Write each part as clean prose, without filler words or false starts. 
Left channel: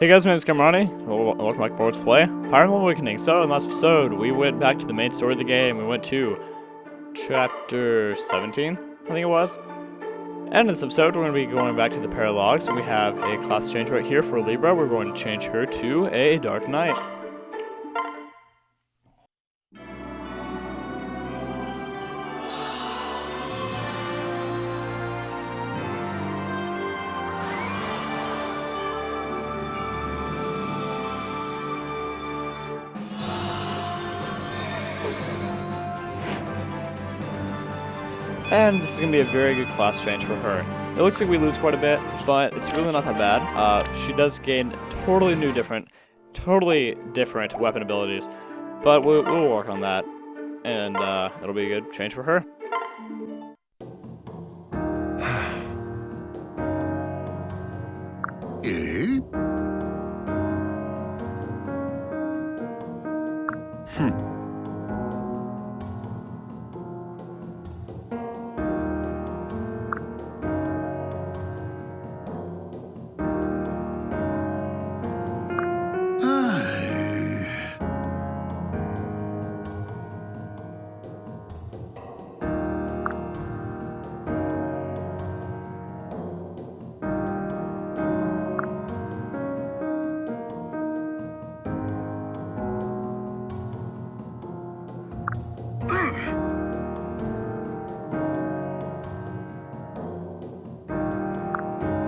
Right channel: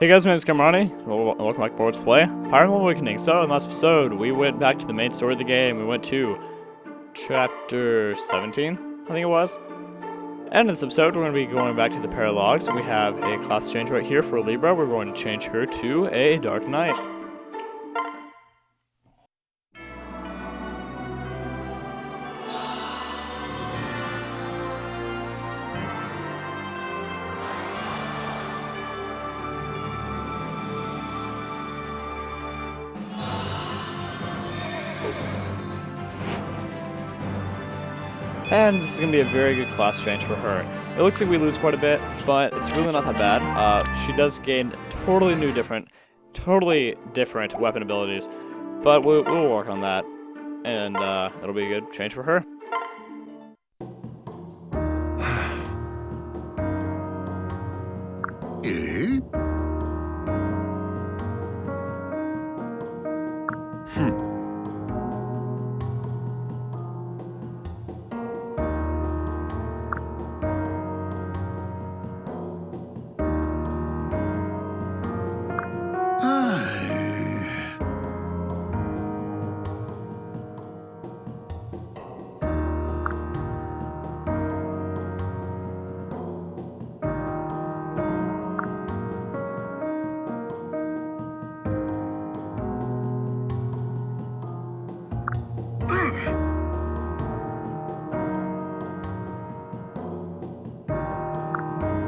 Hey guys, my name is Kamronni. Welcome back to Let's Play Fire Emblem Awakening. So, in the last episode, we went back to the main story of the game. We went to Chapter 17, I think it was. And in this episode, we're going to be going back to the Paralogue. So we have a class change right here for Libra. We're going to change her to a Dark Knight. And this is going to be a very good class change for her. It looks like we lose quite a bit, but it's really not that bad. She does gain totally different weapon abilities, but we'll work on that, and it'll be a good change for her. Eh?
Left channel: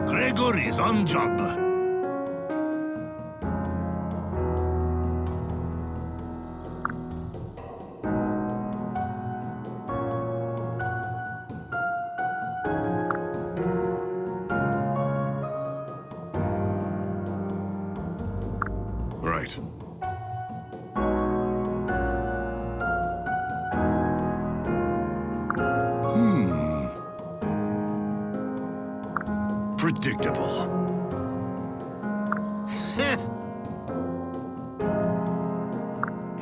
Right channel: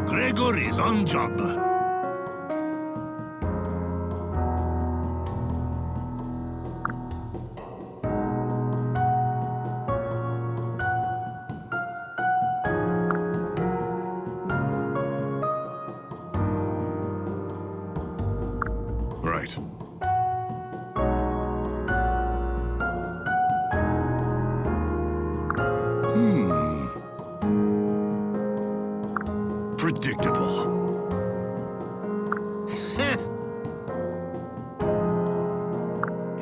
Gregor is on job. Right. Predictable.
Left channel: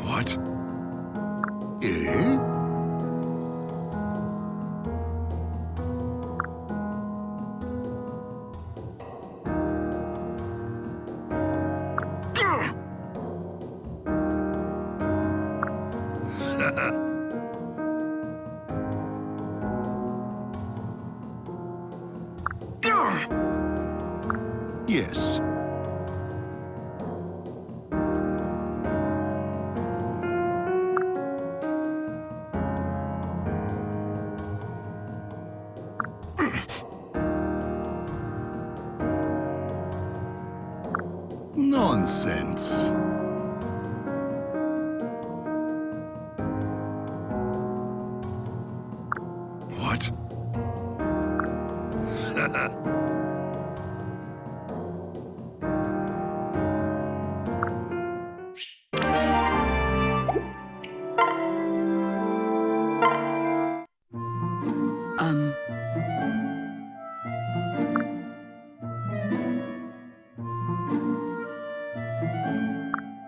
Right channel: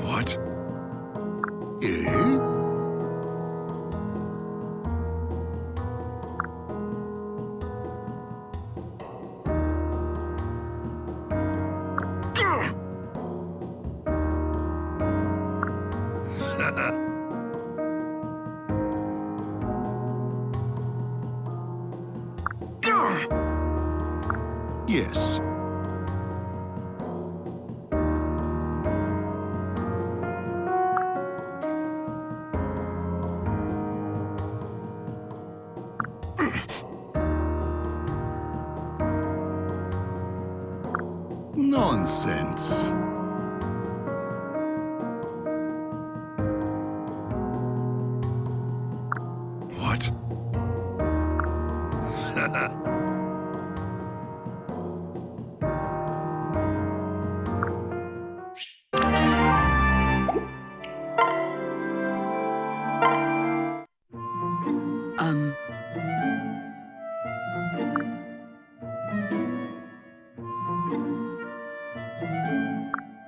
What? Eh? Yes. Nonsense. What?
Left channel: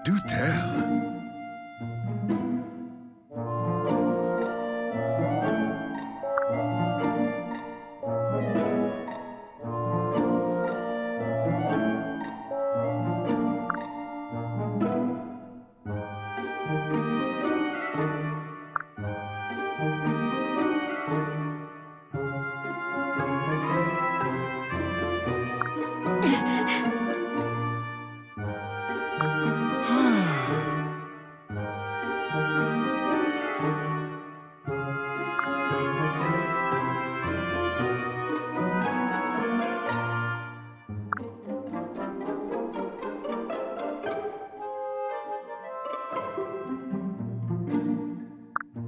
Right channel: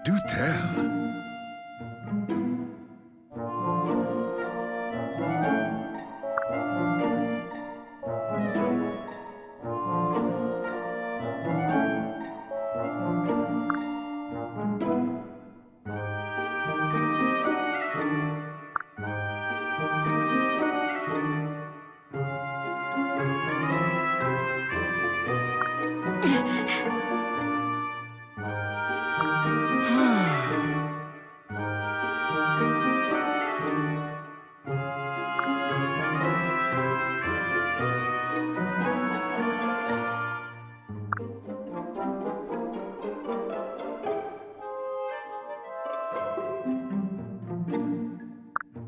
Do tell.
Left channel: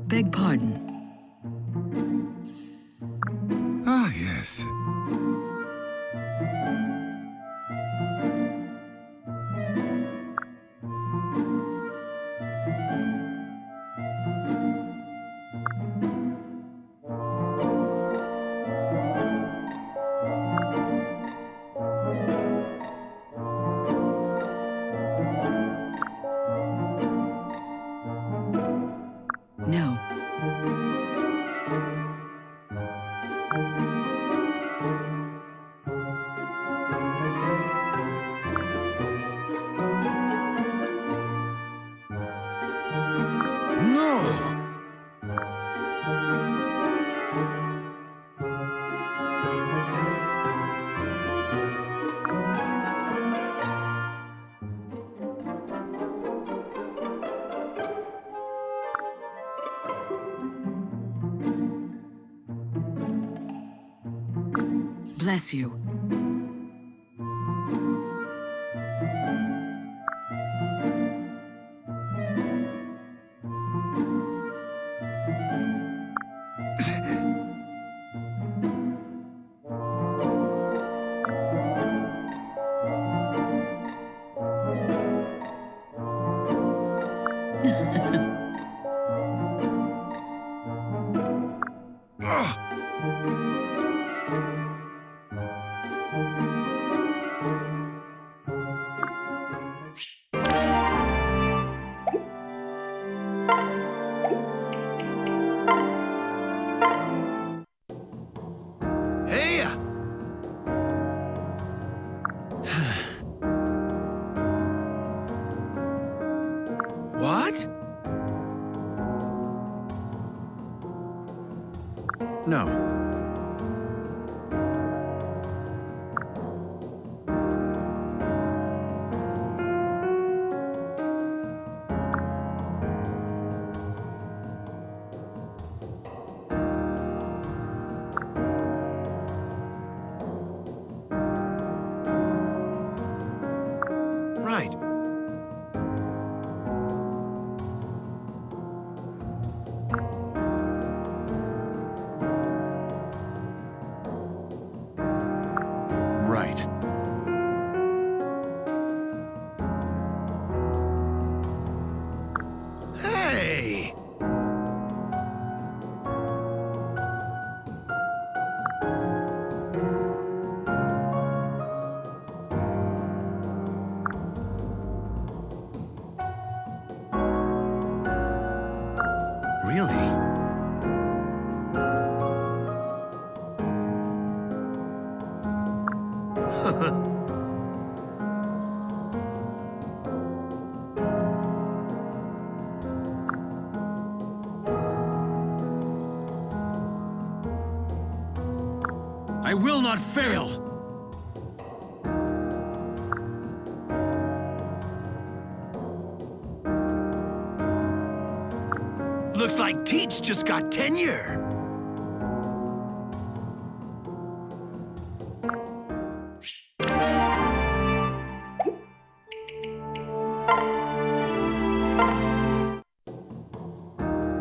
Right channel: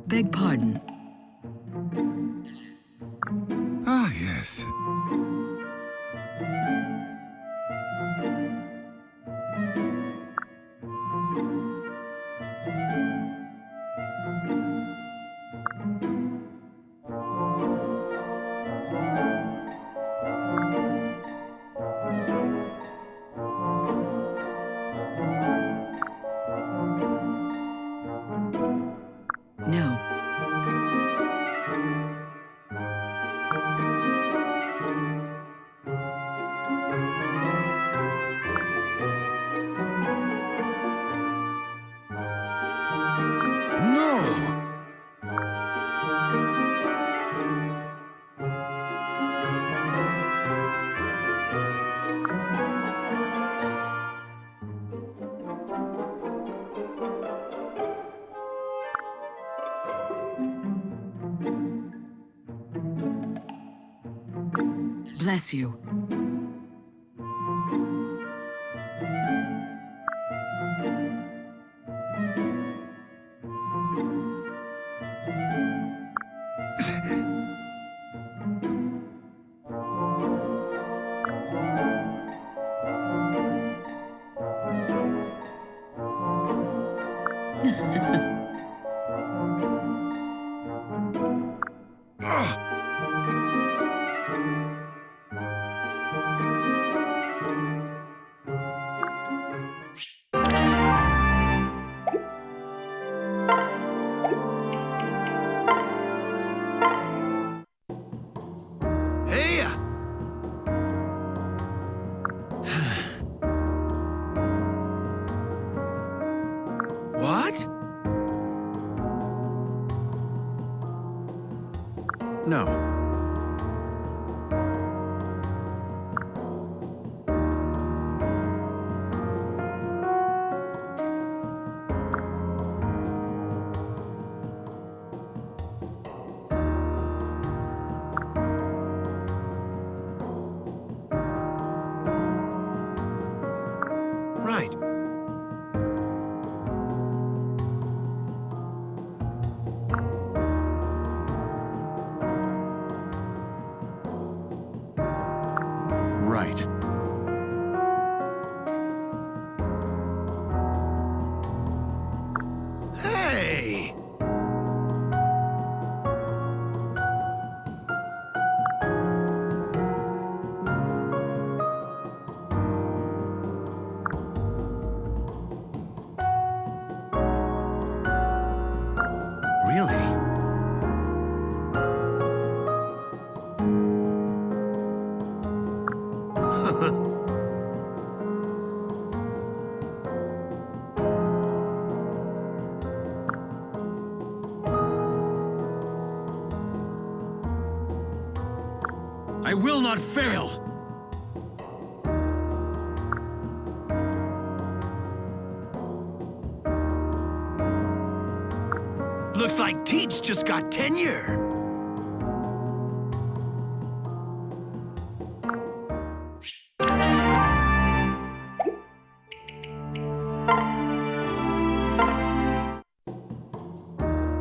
Beg pardon. Ah, yes. No. Oh! Bless you. Hey! What? No. Right. Right. Hey! Really? I will not fail! Looks like Teach just got tenure!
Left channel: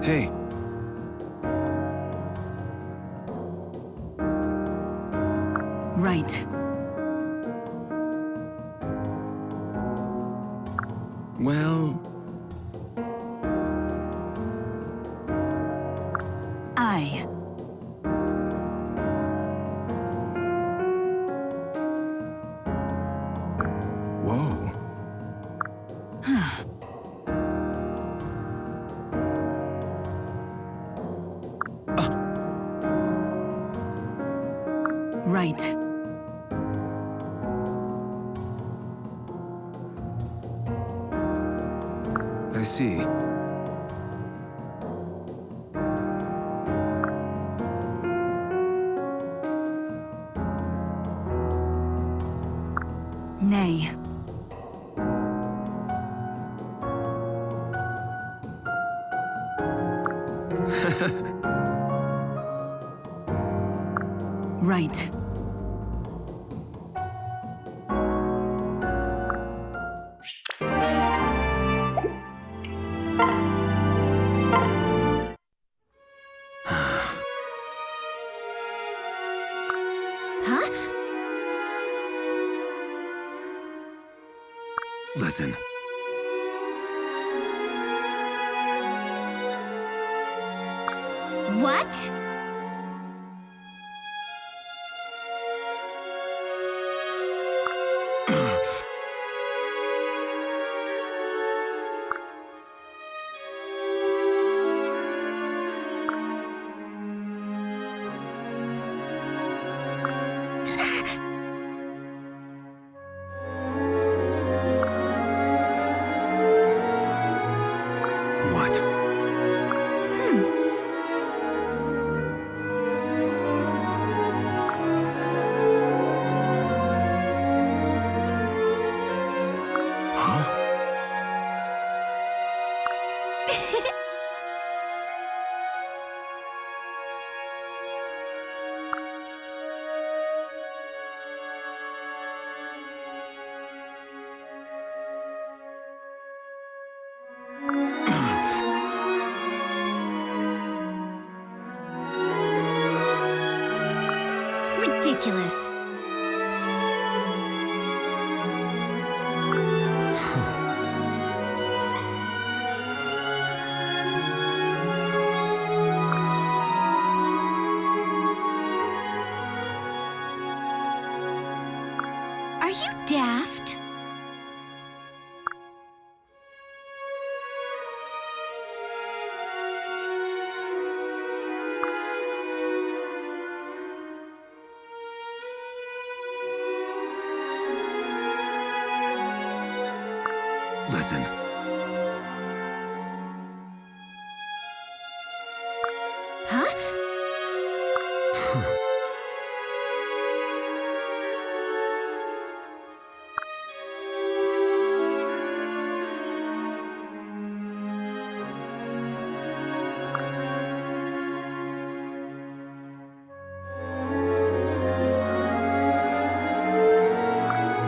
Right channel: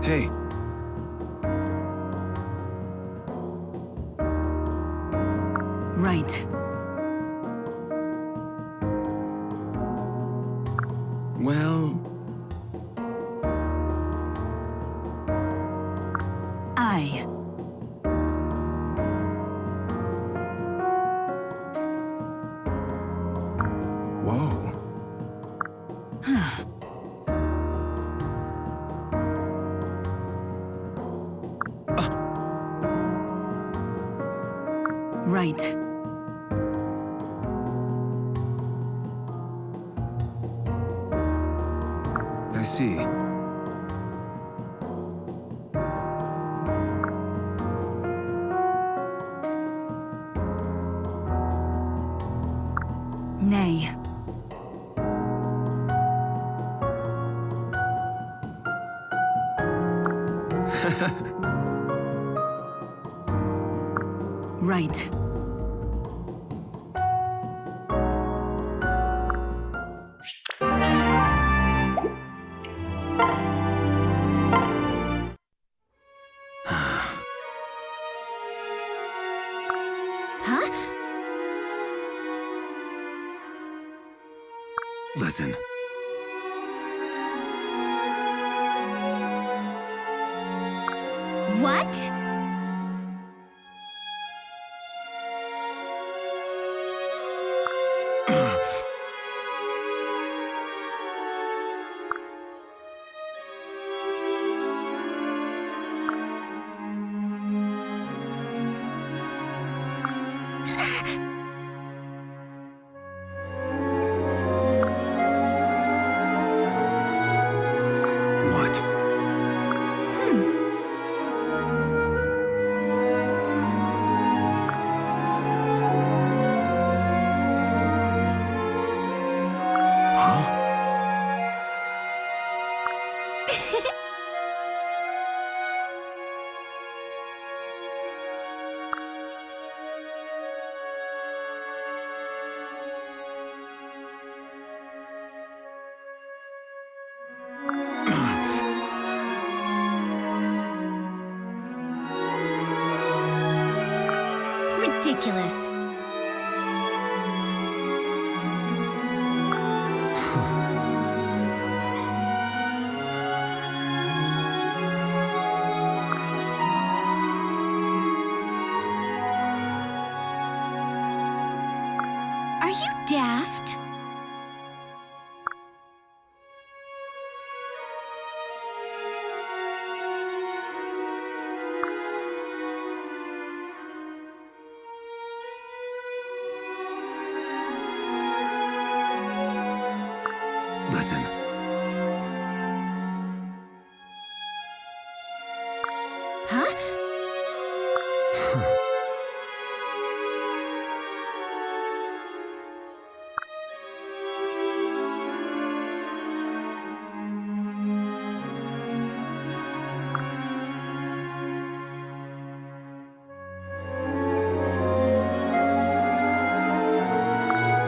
Hey. Right. Well... I. Whoa. Right. I see. Nay. Right. Huh? Listen. What? What? Huh? Ridiculous. Are you daft? Listen. Huh?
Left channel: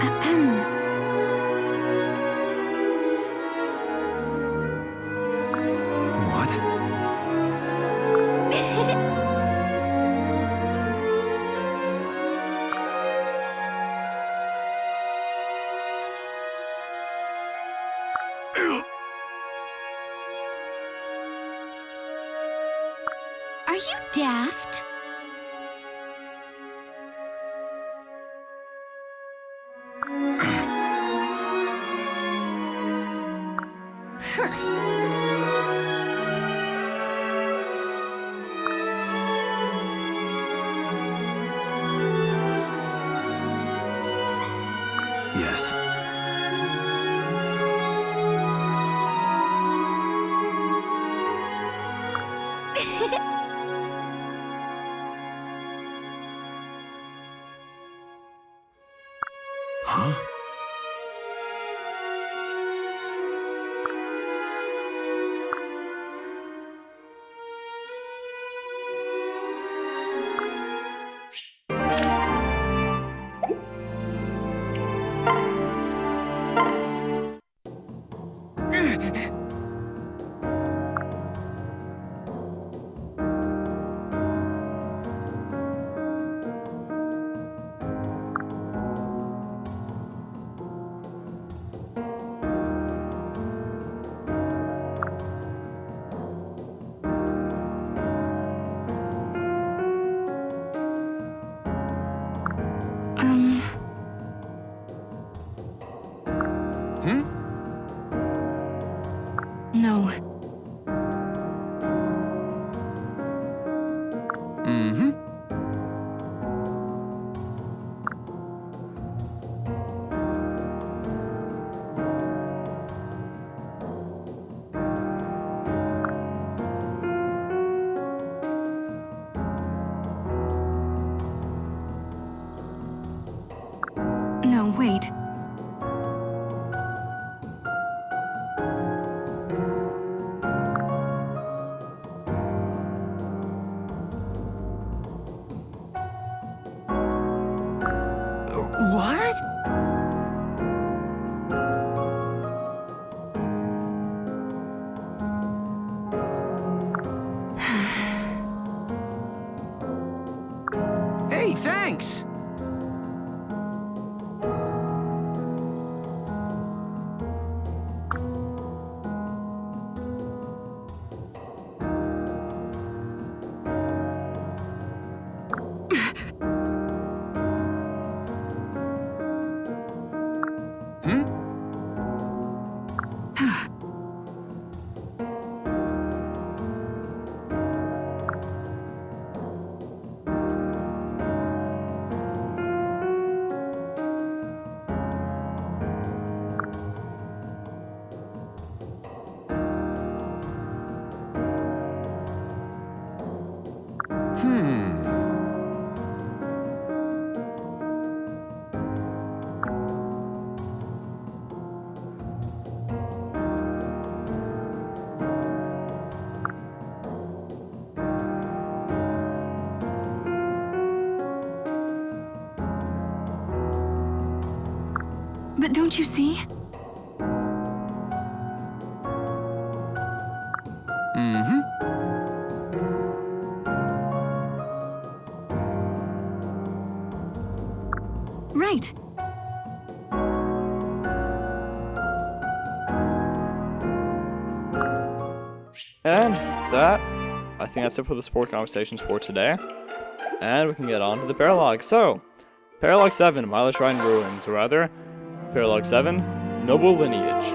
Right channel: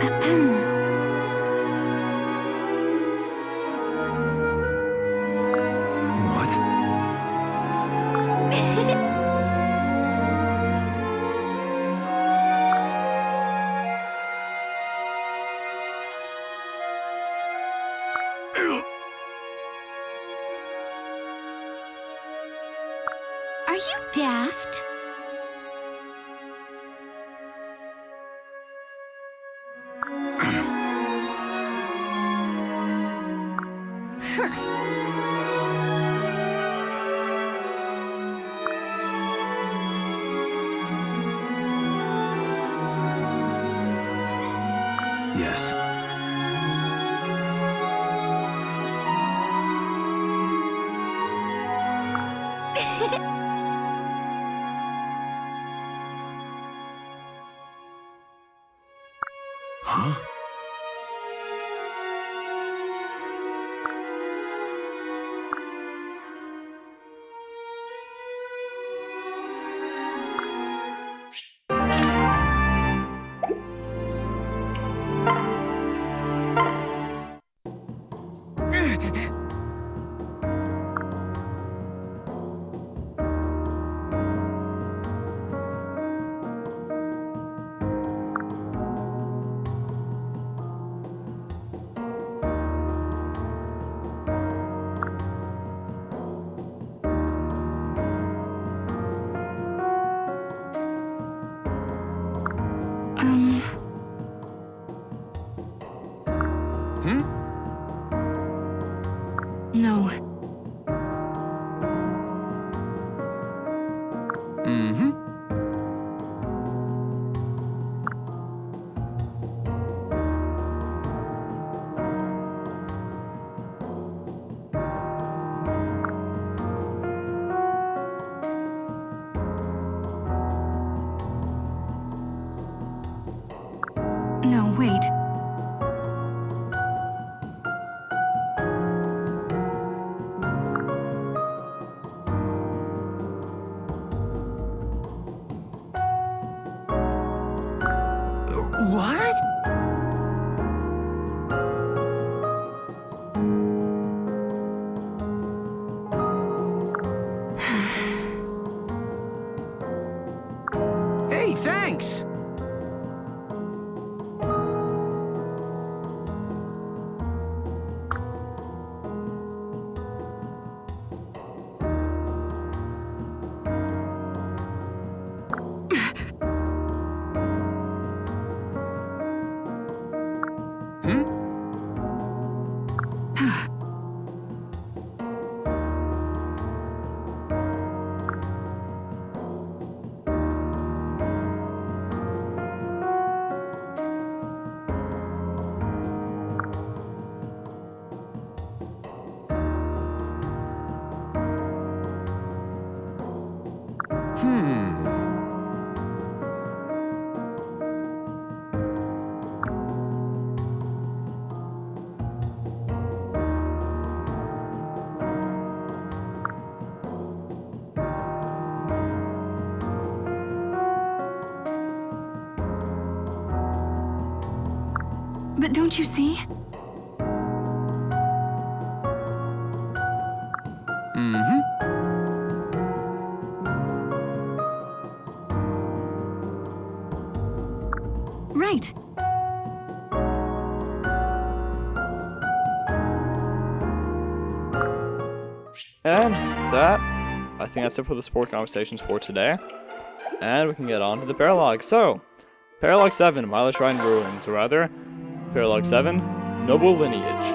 Ahem. What? Are you daft? Yes. Huh? Hmm? No. Mm-hmm. No, wait. What? Hey, thanks! Hmm? Hmm. But don't you see? Mm-hmm. Right. And that, I think that's it for the sport conversations for today. And we can get on to the Paralogue. So, Paralogue 7, Milo Shrine Ruins, or rather, Paralogue 7, Noble Lineage.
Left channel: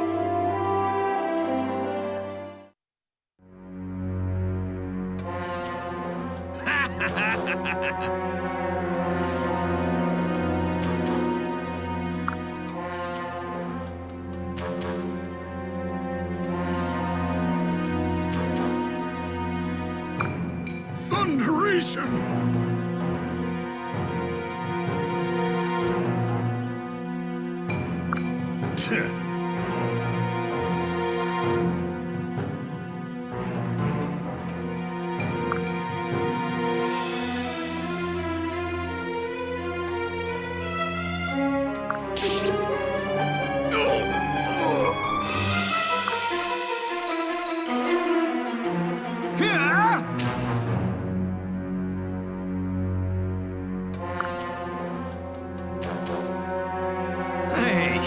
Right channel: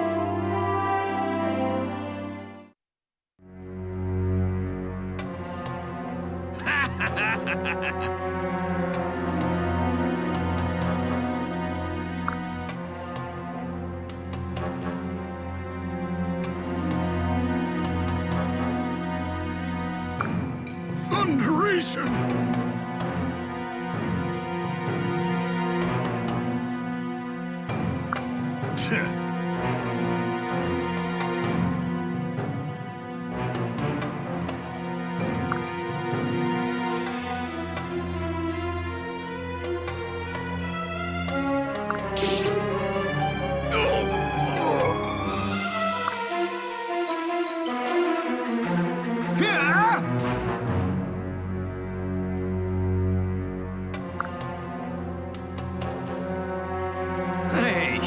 Thunderation! Hey!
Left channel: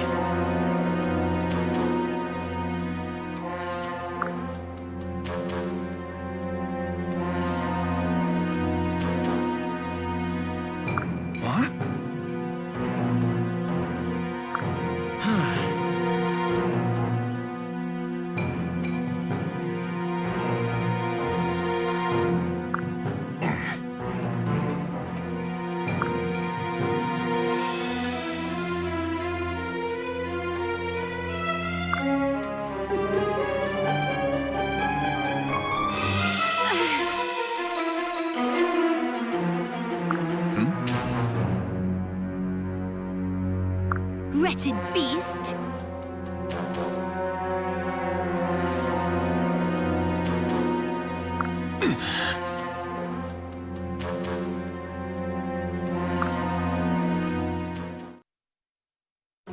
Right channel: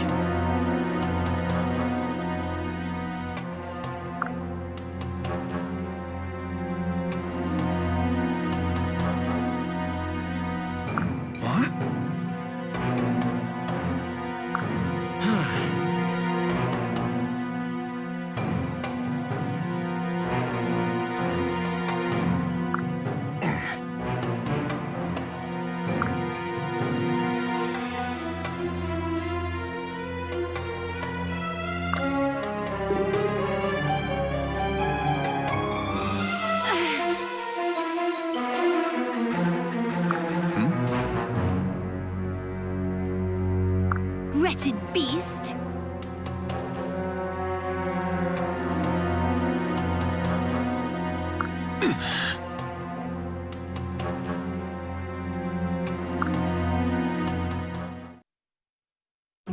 What? Wretched beast!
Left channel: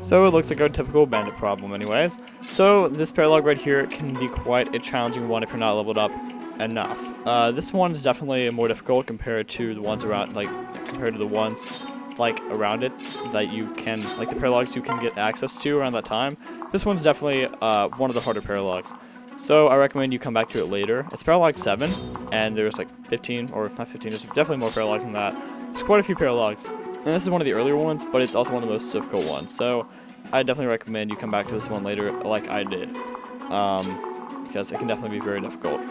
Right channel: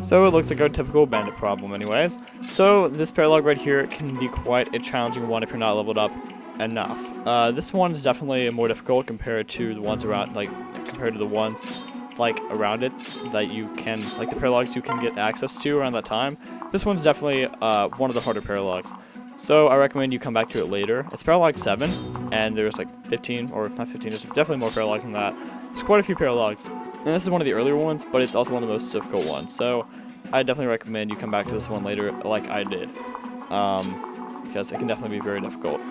So it looks like our typical bandit problem anyways. So this Paralogue right here can be quite a challenging one if you're not leveled up enough. This one is definitely more difficult compared to the ones around, compared to the ones around it that you can, like the Paralogues you can get access to around that time. This one's definitely one of the harder Paralogues. So I recommend you come back to it later. It's Paralogue 7, and there's like 15, or not 15, there's definitely more Paralogues than that. There's quite a few Paralogues. And this is one of the earlier ones, but it's also one of the most difficult ones. So I definitely recommend you come back to this one later, like I did, because it can definitely be very difficult.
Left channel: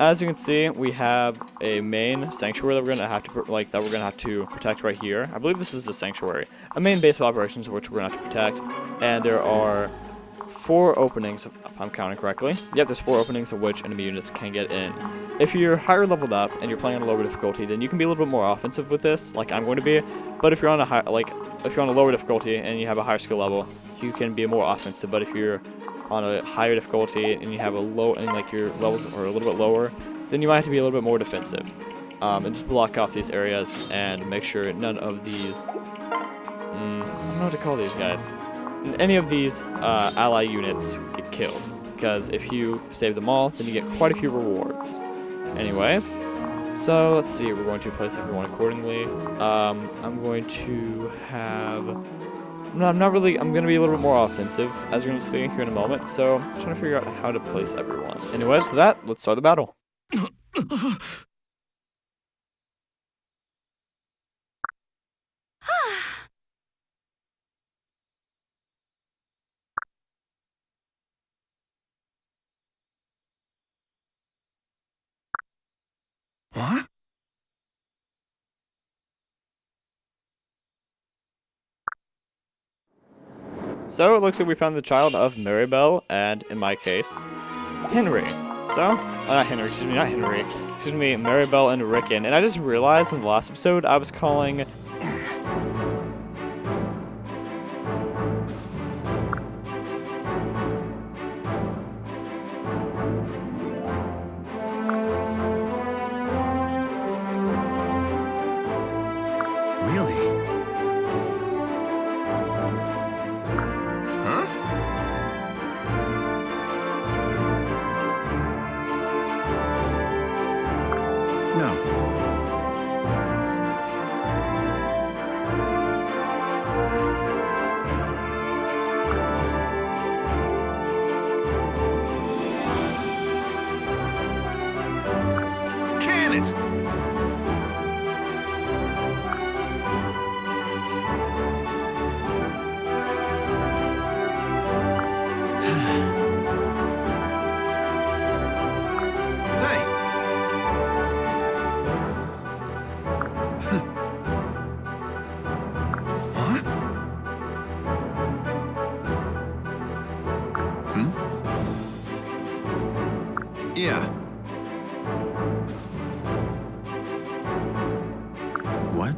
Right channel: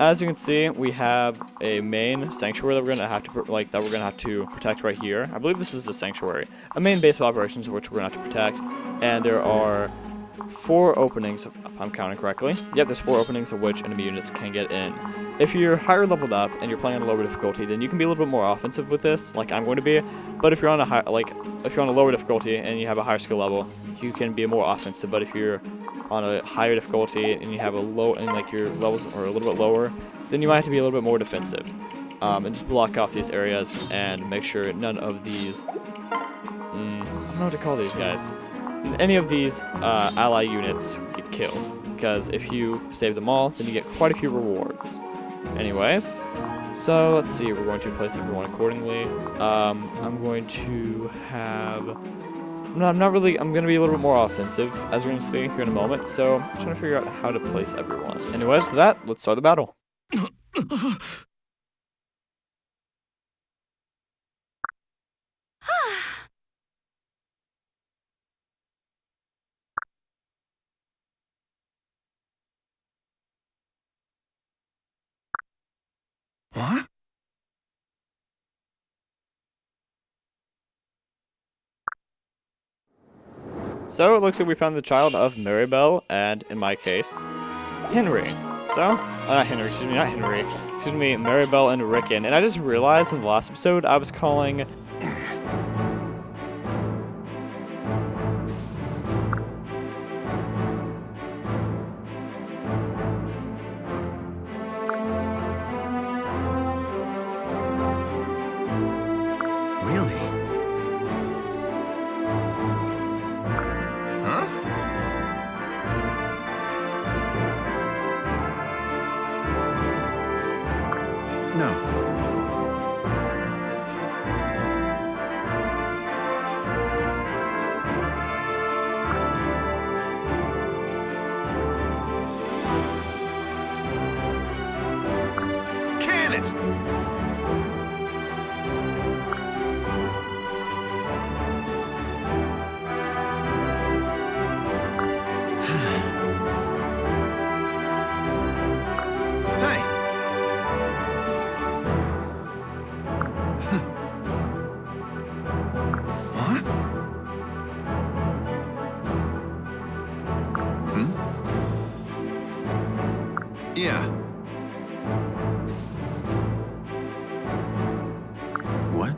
As you can see, we have a main sanctuary that we're gonna have to protect right here. I believe this is a sanctuary, a main base of operations which we're gonna have to protect, and there are 4 openings, if I'm counting correctly. Yep, there's 4 openings of which enemy units can get in. If you're higher leveled up and you're playing on a lower difficulty, then you can be a little bit more offensive with this, like I'm going to be. But if you're on a if you're on a lower difficulty and you have a higher skill level, you can be more offensive. But if you're on a higher difficulty and you have a low, and your levels are a little bit lower, then you might have to be a little bit more defensive. And just block off these areas and make sure none of these, I don't know what to call these guys. Any of these ally units get killed, because if you save them all, then you get quite a few rewards. Anyways, so let's see, we're going to place everyone accordingly. I'm going to have, I'm going to be a little bit more offensive, as you're going to see here in a moment, so I'm trying to figure out how to place everyone. Anyways, for that, let's start the battle. What? So it looks like we found the child of Maribel, and in my case, Henry. So, not Henry, Maribel and Rickon. And I just realized in the last episode I was calling Really? done it. Hey. What? Hmm? Yeah. What?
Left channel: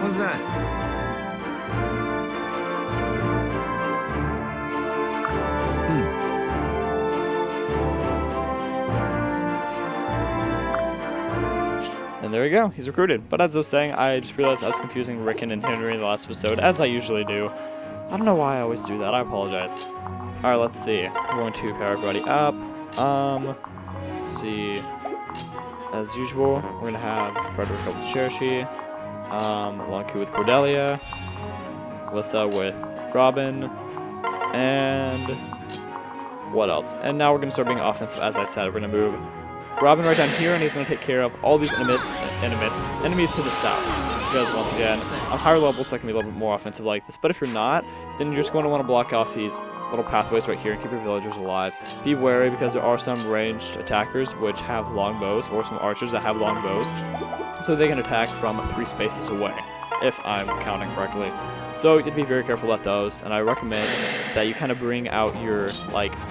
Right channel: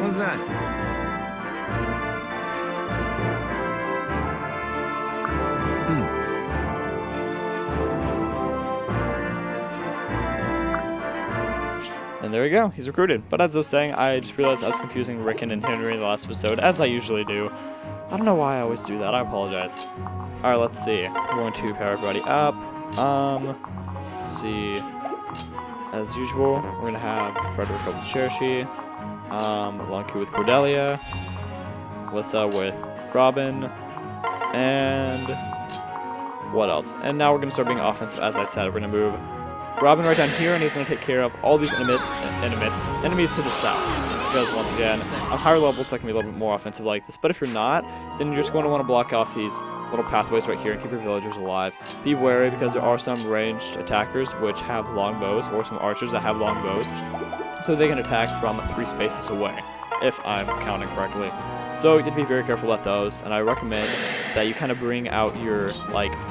What's that? And there we go, he's recruited. But as I was saying, I just realized I was confusing Rickon and Henry in the last episode, as I usually do. I don't know why I always do that, I apologize. Alright, let's see. We're going to power everybody up. Let's see. As usual, we're gonna have Frederick with Chershi, Lon'qu with Cordelia, Lissa with Robin, and what else? And now we're gonna start being offensive, as I said. We're gonna move Robin right down here, and he's going to take care of all these enemies to the south. Because, once again, on higher levels, it's going to be a little bit more offensive like this. But if you're not, then you're just going to want to block off these little pathways right here and keep your villagers alive. Be wary, because there are some ranged attackers which have long bows, or some archers that have long bows. So they can attack from 3 spaces away, if I'm counting correctly. So you have to be very careful at those, and I recommend that you kind of bring out your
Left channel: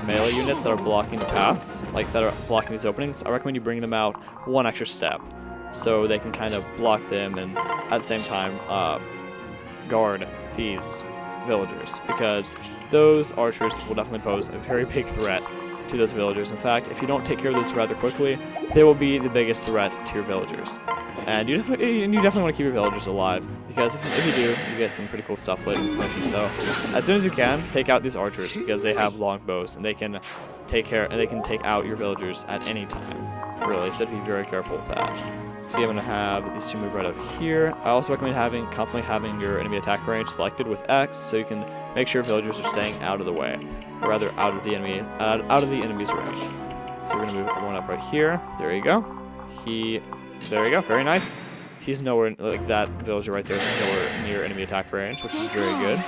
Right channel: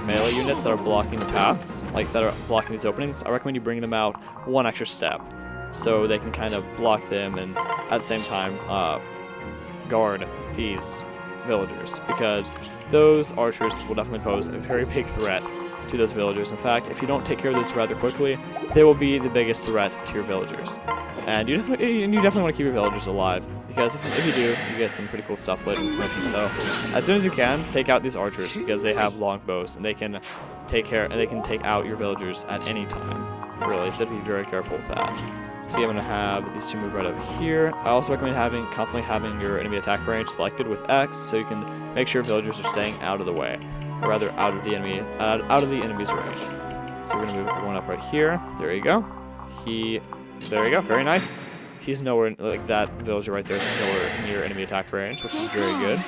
melee units that are blocking the paths, that are blocking these openings. I recommend you bring them out one extra step, so they can kind of block them and at the same time guard these villagers, because those archers will definitely pose a very big threat to those villagers. In fact, if you don't take care of those rather quickly, they will be the biggest threat to your villagers. And you definitely want to keep your villagers alive, because if you do, you get some pretty cool stuff later in this mission. So, as soon as you can, take out these archers, because they have long bows, and they can take out your villagers at any time, really, so be very careful with that. See, I'm going to have these two move right over here. I also recommend constantly having your enemy attack range selected with X, so you can make sure villagers are staying out of the way, or rather out of the enemy's range. So we're going to move everyone up right here. There you go. There you go. Very nice. He's nowhere, that villager right there is nowhere near enemy attack range, which is very good.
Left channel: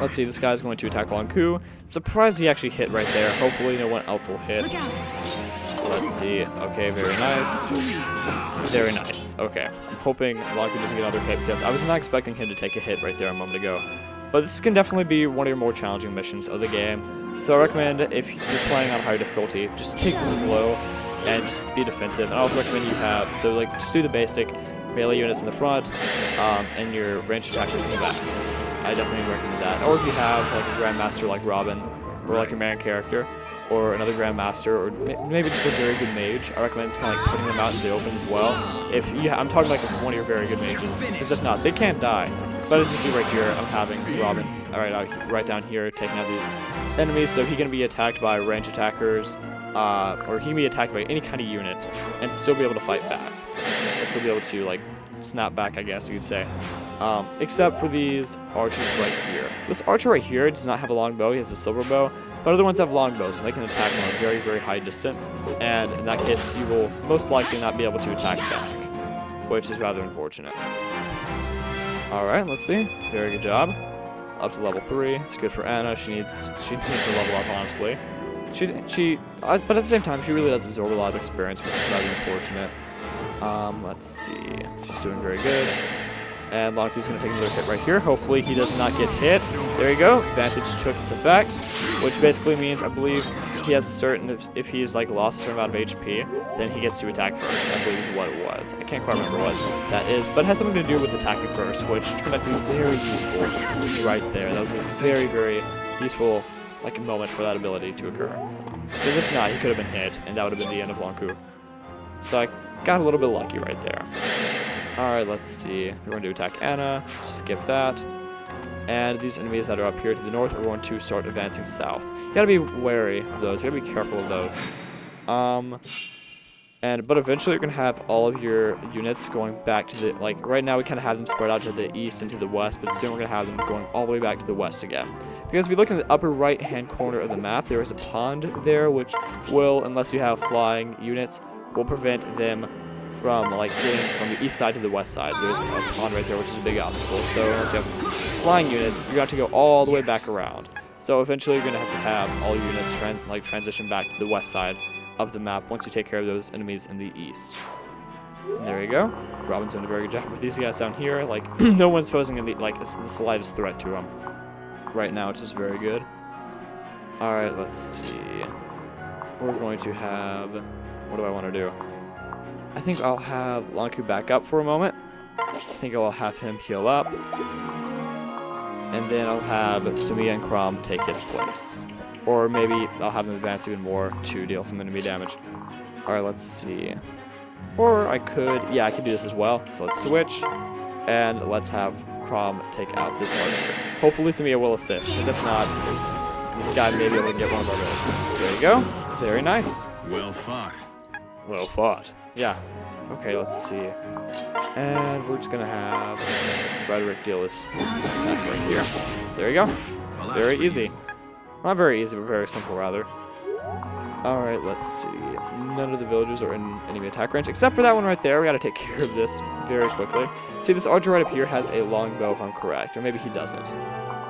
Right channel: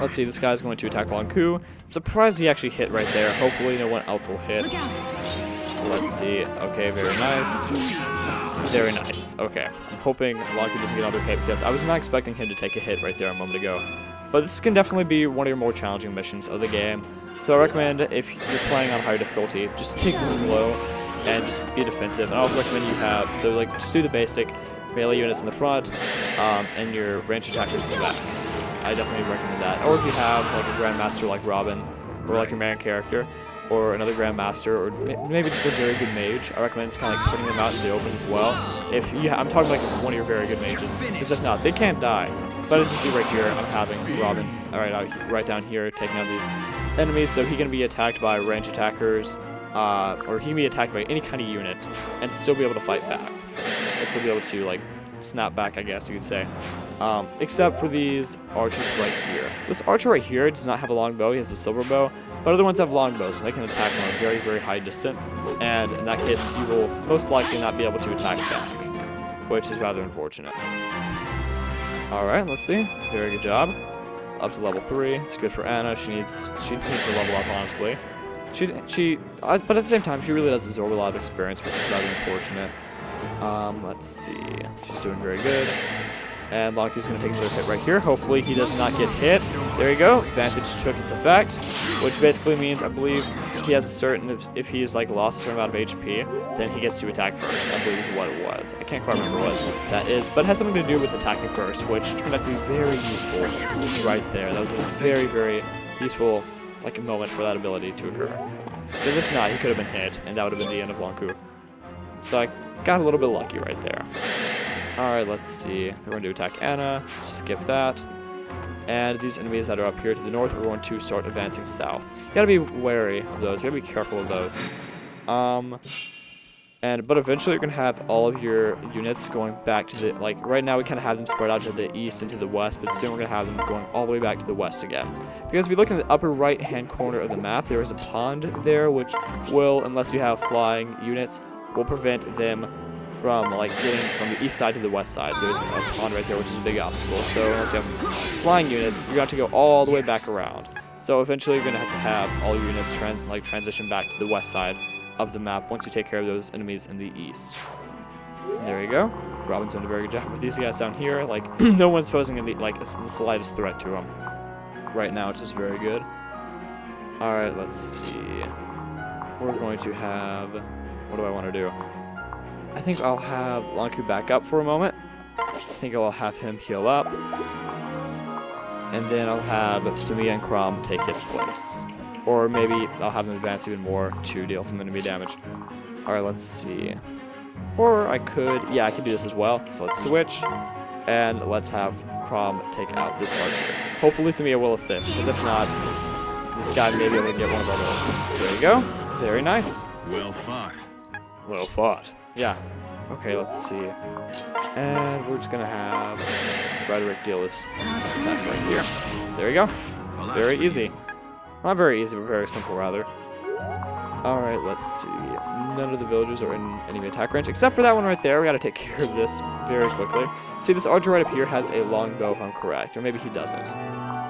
Let's see, this guy's going to attack Lon'qu. I'm surprised he actually hit right there. Hopefully no one else will hit. Let's see. Okay, very nice. Very nice. Okay. I'm hoping Lon'qu doesn't get another hit, because I was not expecting him to take a hit right there a moment ago. But this can definitely be one of your more challenging missions of the game. So I recommend, if you're playing on higher difficulty, just take it slow and just be defensive. And I also recommend just do the basic melee units in the front, and your ranged attackers in the back. I definitely recommend that. Or if you have a grandmaster like Robin, or your main character, or another grandmaster, or maybe just a very good mage, I recommend just kind of putting them out in the open as well. I'm talking one of your very good mages, because if not, they can't die. But as you see right here, I'm having Robin right down here taking out these enemies, so he can be attacked by ranged attackers, or he can be attacked by any kind of unit and still be able to fight back. And still be able to snap back, I guess you could say. Except for these archers right here. This archer right here does not have a long bow, he has a silver bow, but other ones have long bows, and they can attack from a very, very high distance, and in that case, you will most likely not be able to attack back, which is rather unfortunate. Alright, let's see. Very good job. Up to level 3. It's good for Anna. She needs to level up, honestly. But at the same time, she really does absorb a lot of experience, which is rather unfortunate. Let's see. She's doing very good. And Lon'qu's going to take another hit right here. Hopefully he does not get hit. There you go. Advantage took its effect, which basically means, I believe, he has a certain, if he's lost a certain amount of HP, then he gets to attack first, I believe is what it was. I can't quite remember what that is, but it has something to do with attacking first, which turned out to be very useful right there. That was a very, very useful moment for that ability to occur. Because if not, he could have been hit, and that would have been the end of Lon'qu. So I got a little bit lucky right there. Alright, let's see. We're going to attack Anna. Just skip that. And these enemies that are up here to the north are going to start advancing south. You gotta be wary of those. You gotta be careful of those. But eventually you're going to have all of your units going back to the, like, right now we kind of have them spread out to the east and to the west, but soon we're going to have them going all the way back to the west again. Because if we look in the upper right-hand corner of the map, there is a pond there, which will, unless you have flying units, will prevent them from, like, getting from the east side to the west side. There's a pond right there, which is a big obstacle. So unless you have flying units, you're going to have to go all the way back around. So eventually you're going to have all your units transition back to the west side of the map once you take care of those enemies in the east. And there you go. Robin's doing a very good job with these guys down here. Like, no one's posing any, like, the slightest threat to them right now, which is very good. Alright, let's see. We're going to have... What do I want to do? I think I'll have Lon'qu back up for a moment. I think I'll have him heal up. And then I'll have Sumia and Chrom take his place. Or maybe I'll have them advance even more to deal some enemy damage. Alright, let's see. Or I could... Yeah, I could do this as well. So let's switch. And let's have Chrom take out this archer. Hopefully Sumia will assist, because if not, this guy may be able to get one of our villagers. There you go. Very nice. Well fought. Well fought. Yeah. Okay, let's see. And we're just gonna have Frederick deal this attack right here. There you go. Well, Very easy. Not very easy, but very simple, rather. Alright, let's see. None of the villagers are in enemy attack range, except for that one right there. We gotta take care of this very quickly. See, this archer right up here has a longbow, if I'm correct. Or maybe he doesn't.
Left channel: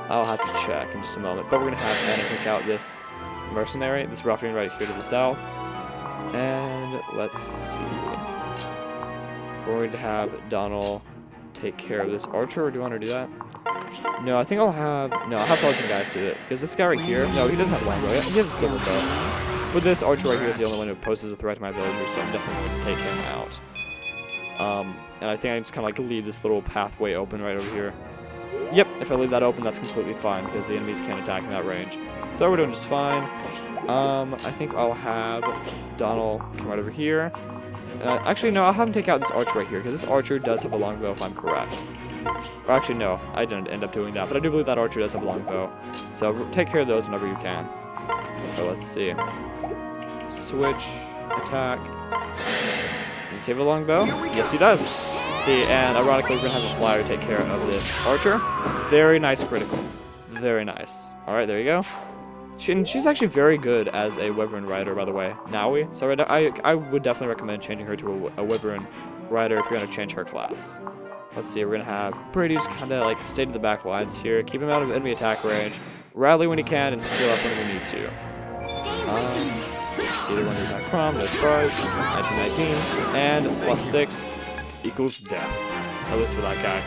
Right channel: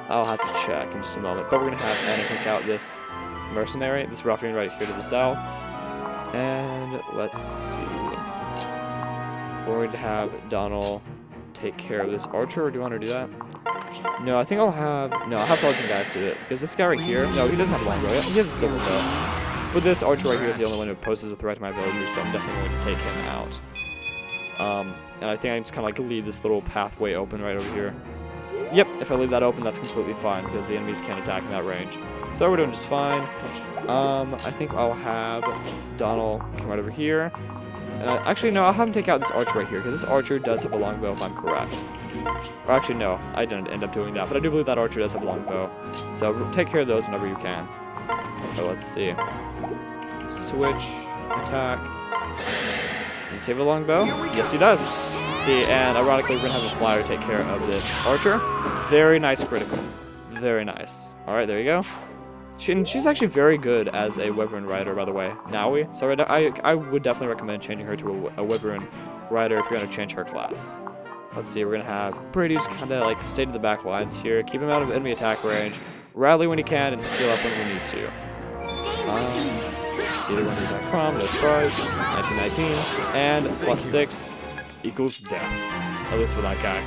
I'll have to check in just a moment. But we're gonna have Anna take out this mercenary, this ruffian right here to the south. And let's see. We're going to have Donald take care of this archer, or do you want to do that? No, I think I'll have... No, I'll have Belgian guys do it. Because this guy right here... No, he doesn't have a longbow yet. He has a silver bow. But this archer right here is the only one who poses a threat to my villagers, so I'm definitely going to take him out. And I think I just kind of like leave this little pathway open right over here. Yep, if I leave that open, that's completely fine, because the enemies can't attack in that range. So we're doing just fine. I think I'll have Donald come right over here. Actually, no, I'll have him take out this archer right here, because this archer does have a longbow, if I'm correct. Or actually, no, I didn't end up doing that, but I do believe that archer does have a longbow. So take care of those whenever you can. Okay, let's see. Switch, attack. Does he have a longbow? Yes, he does. Let's see, and ironically, we're going to have a flyer take care of this archer. Very nice critical. Very nice. Alright, there you go. She's actually very good as a Wyvern rider, by the way. Naui. So I would definitely recommend changing her to a Wyvern rider if you're going to change her class. Let's see, we're going to have Brady just kind of like stay to the back lines here. Keep him out of enemy attack range. Rally when he can and heal up when we need to. Let's see, they're going to attack Chrom. No surprise. 1919. And +6 equals death. At least with that guy.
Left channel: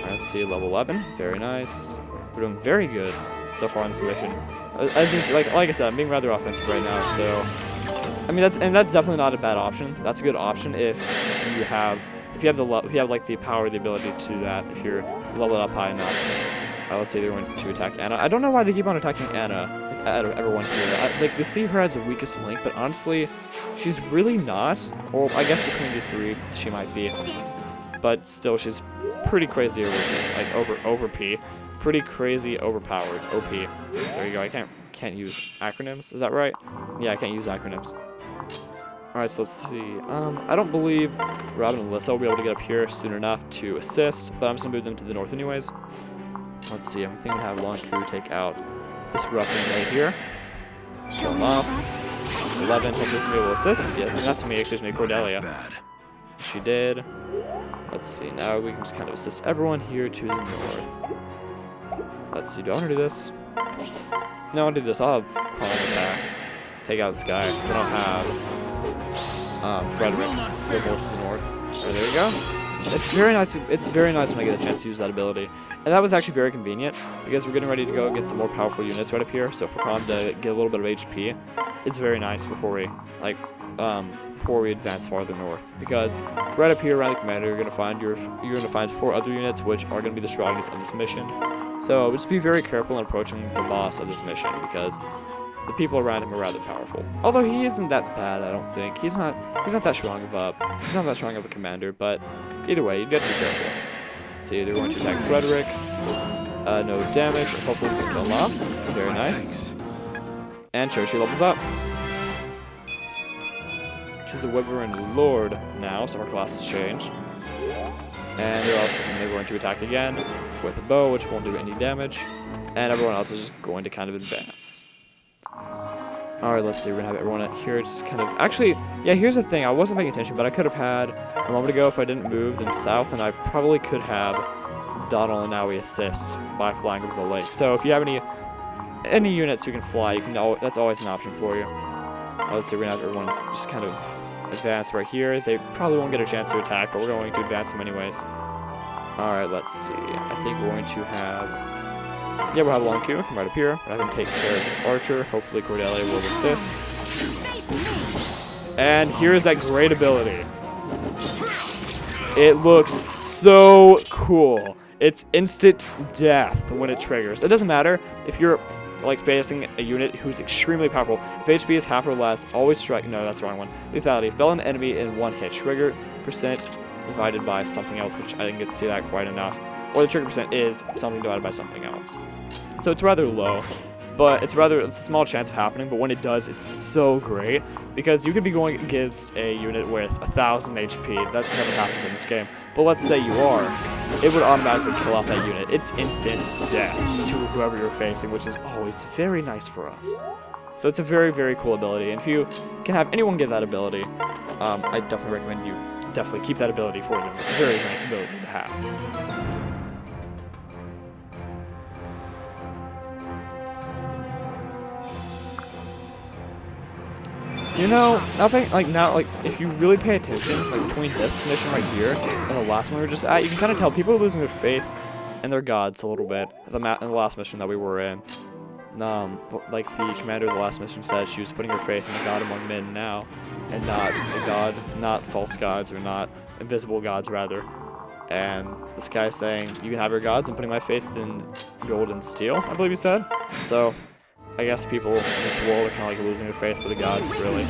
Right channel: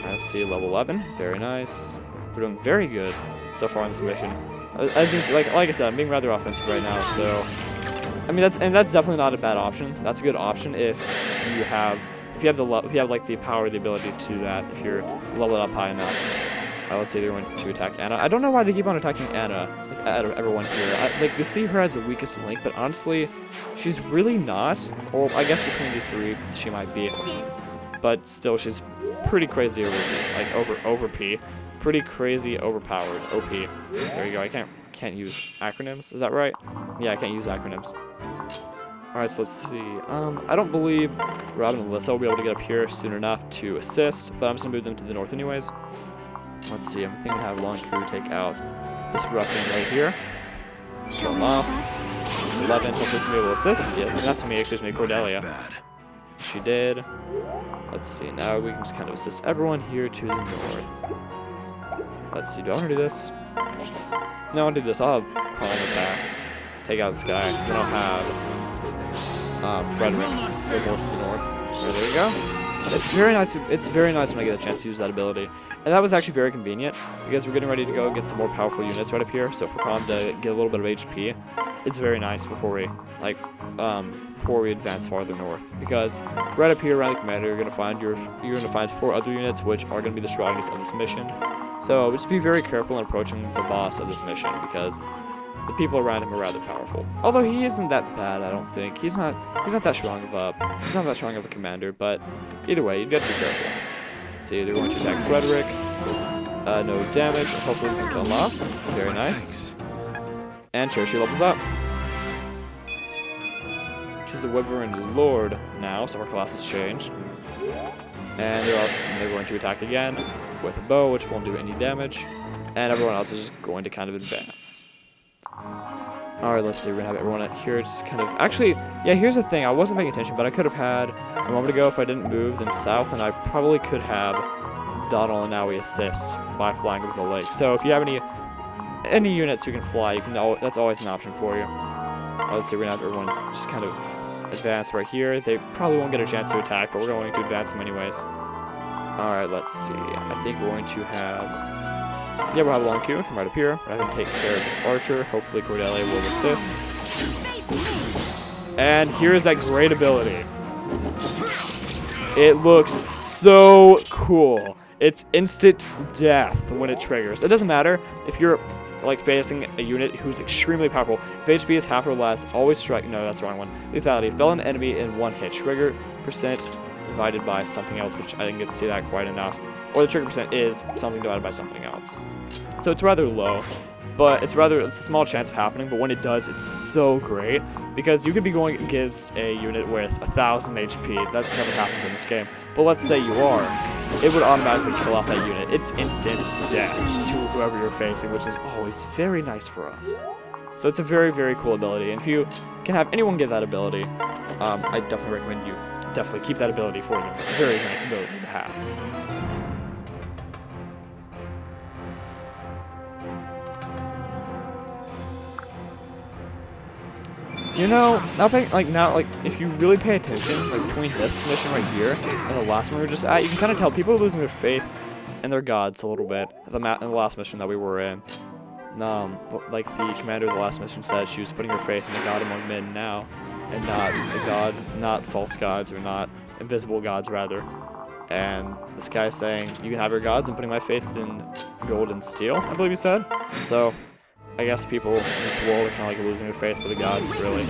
Alright, let's see, level 11. Very nice. We're doing very good so far on this mission. As you can see, like I said, I'm being rather offensive right now, so I mean that's definitely not a bad option. That's a good option if you have like the power, the ability to do that. If you're leveled up high enough. Let's say they're going to attack Anna. I don't know why they keep on attacking Anna, like out of everyone here. They see her as the weakest link, but honestly, she's really not. Or I guess between these three, she might be. But still, she's pretty crazy over pretty crazy overpowered. OP. There you go. I can't use acronyms. Is that right? Yeah, I can't use acronyms. Alright, so let's see. I don't believe Robin and Alyssa will be able to get up here soon enough to assist, but I'm just gonna move them to the north anyways. Let's see. I'm thinking to have Lon'qu take out this ruffian right here. Kill him off. 11. Hopefully somebody will assist. Yeah, not somebody, excuse me, Cordelia. She did. Let's see. Now we can just kind of assist everyone here to the north. Let's see, do I want to do this? No, I'll do this. I'll have Chrom attack. Take out this guy. Then I'll have Frederick go more to the north. Alright, there you go. It's very nice when I get a chance to use that ability. And that was actually very convenient, because we're getting ready to go get some more powerful units right up here. So for Chrom to get a little bit of HP, it's very nice before we advance farther north. Because right up here around the commander, you're gonna find 4 other units which are gonna be the strongest of this mission. So just be very careful in approaching the boss of this mission, because the people around him are rather powerful. Although he isn't that bad, I don't think. He's not that strong of a commander, but either way, you got to be careful. See, they're going to attack Frederick. No damage. Hopefully we can kill him off. Very nice. And Churchy levels up. She's a Wyvern Lord now, so our class has changed. And they're going to attack again with a bow, which won't do any damage. And everyone else is just going to kind of advance. Alright, let's see. We're going to have everyone here just kind of... Actually, yeah, here's the thing. I wasn't paying attention, but I could have had... A moment ago, if I didn't move them south, and I probably could have Donald and Naui assist by flying over the lake. So if you have any units who can fly, you can. That's always an option for you. Let's see. We're going to have everyone just kind of advance right here. They probably won't get a chance to attack, but we're going to advance them anyways. Alright, let's see. I think we're going to have... Yeah, we'll have Lon'qu come right up here. We're going to take care of this archer. Hopefully Cordelia will assist. And here's that great ability. It looks so cool. It's instant death when it triggers. It doesn't matter if you're like facing a unit who's extremely powerful. If HP is half or less, always strike. No, that's the wrong one. Lethality. Fell an enemy in one hit. Trigger percent divided by something else, which I didn't get to see that quite enough. Or the trigger percent is something divided by something else. So it's rather low, but it's a small chance of happening. But when it does, it's so great because you could be going against a unit with 1,000 HP. That never happens in this game. But let's say you are, it would automatically kill off that unit. It's instant death to whoever you're facing, which is always very nice for us. So it's a very, very cool ability. And if you can have anyone get that ability, I definitely recommend you definitely keep that ability for them. It's a very nice ability to have. You know, if you really pay attention, like between this mission right here and the last one we were just at, you can kind of tell people are losing their faith in their gods a little bit. In the last mission that we were in, like the commander of the last mission said, she was putting her faith in the god among men now, and not false gods, or not invisible gods rather. And this guy is saying, you can have your gods, I'm putting my faith in gold and steel, I believe he said. So I guess people in this world are kind of like losing their faith for the gods, really.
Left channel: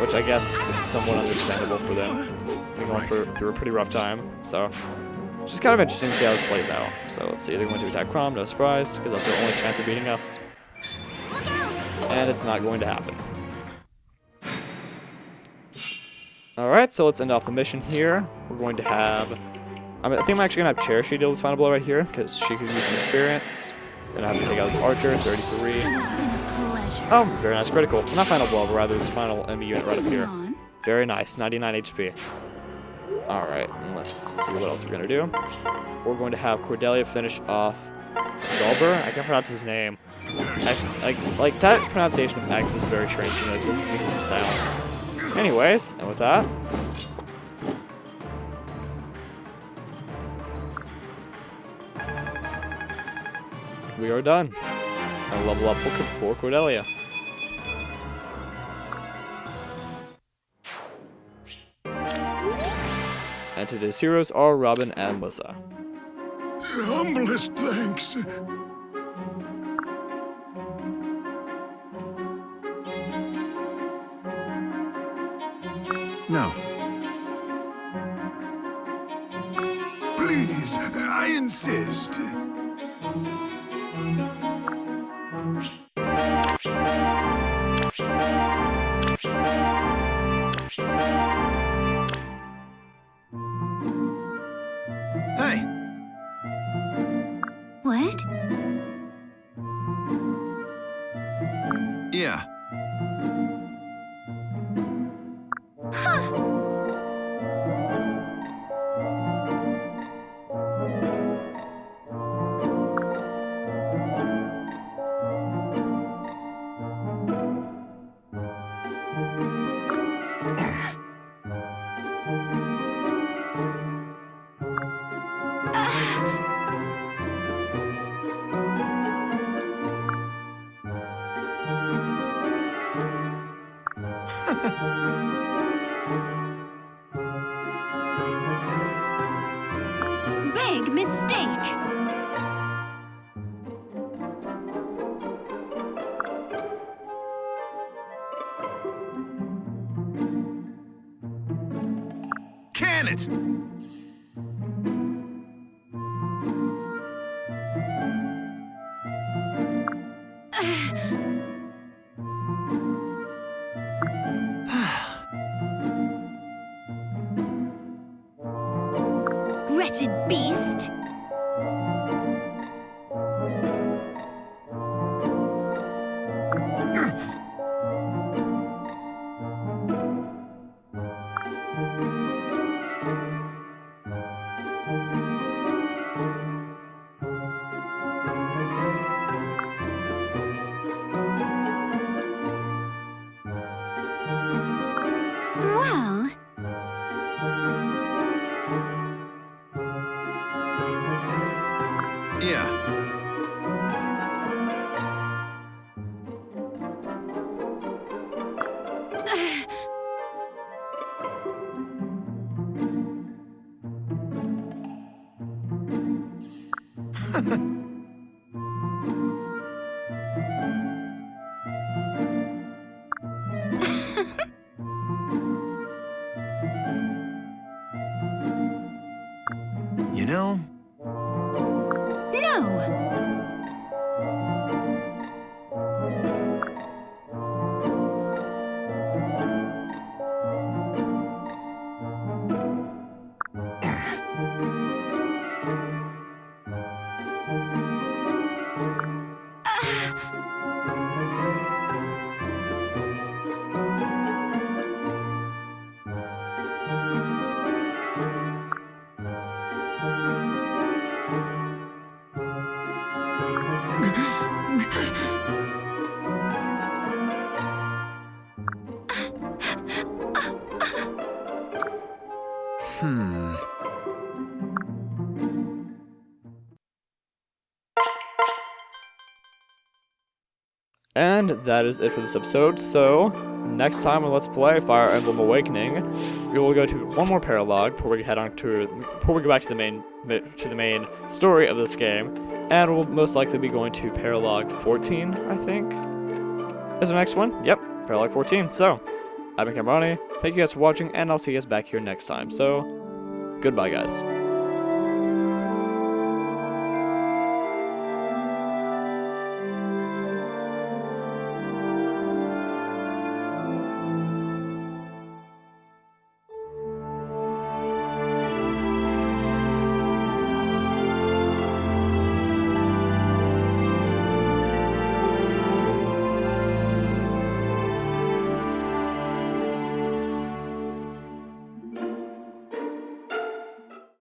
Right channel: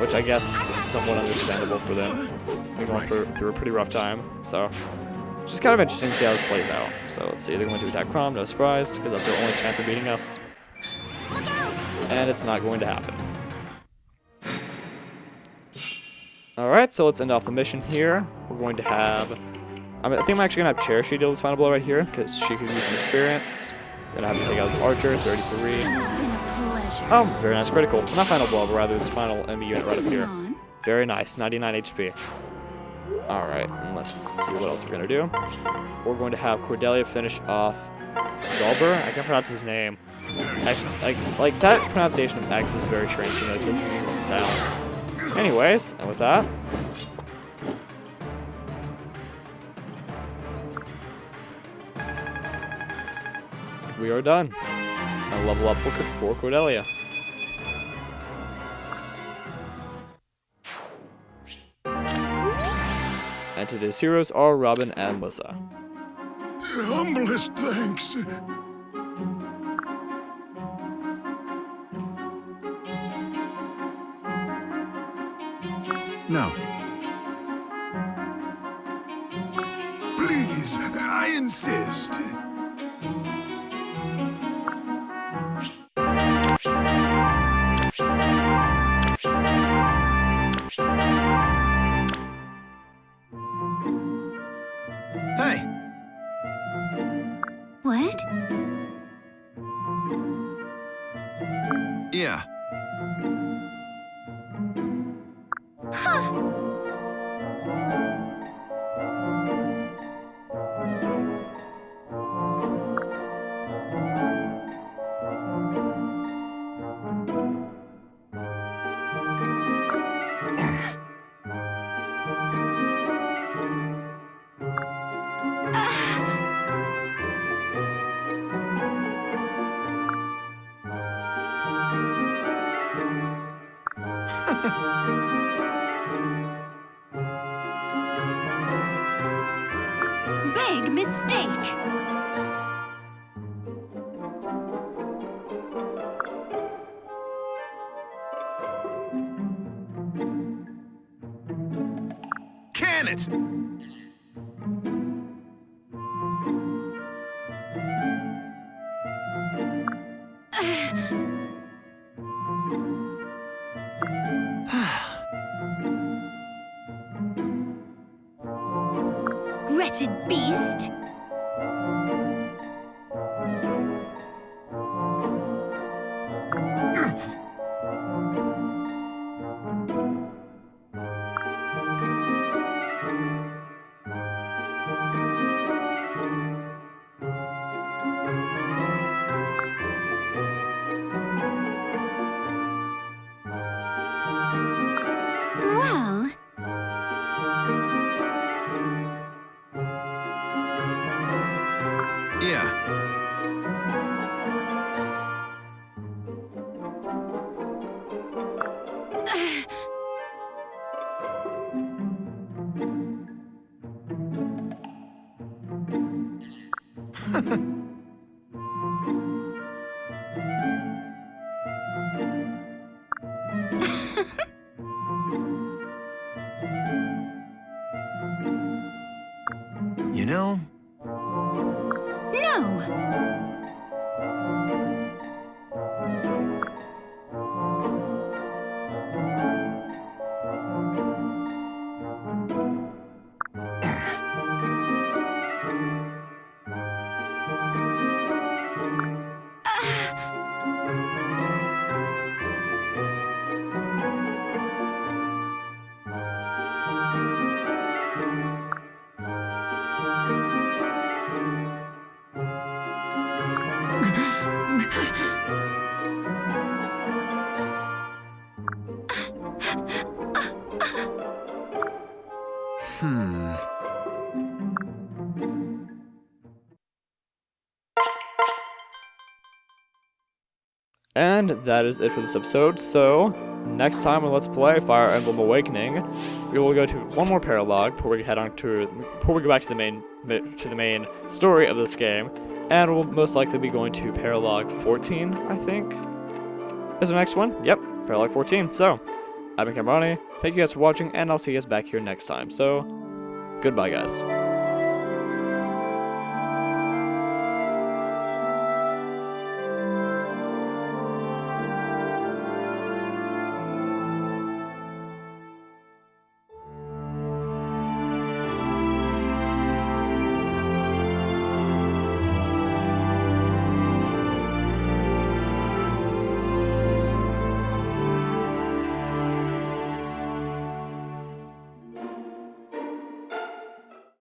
Which I guess is somewhat understandable for them. They're going through a pretty rough time, so it's just kind of interesting to see how this plays out. So let's see, they're going to attack Chrom, no surprise, because that's their only chance of beating us. And it's not going to happen. Alright, so let's end off the mission here. We're going to have... I think I'm actually going to have Cherishie deal this final blow right here, because she could use some experience. Gonna have to take out this archer, 33. Oh, very nice critical. Well, not final blow, but rather this final enemy unit right up here. Very nice, 99 HP. Alright, and let's see what else we're gonna do. We're going to have Cordelia finish off Zolber. I can't pronounce his name. X, like that pronunciation of X is very strange to me. This isn't sound. Anyways, and with that, we are done. A level up for Cordelia. And today's heroes are Robin and Lissa. Humblest thanks. No. Please, I insist. Hey. What? Yeah. Big mistake. Can it? wretched beast! Well... Yeah. You know, No! And that is it for this episode. So, next time on Let's Play Fire Emblem Awakening, we will go to one more paralogue before we go back to the main story of this game, and we'll most likely be going to Paralogue 14, I think, is the next one. Yep, Paralogue 14. So, I've been Kamronni. Thank you guys for watching, and I'll see you guys back here next time. So, goodbye, guys.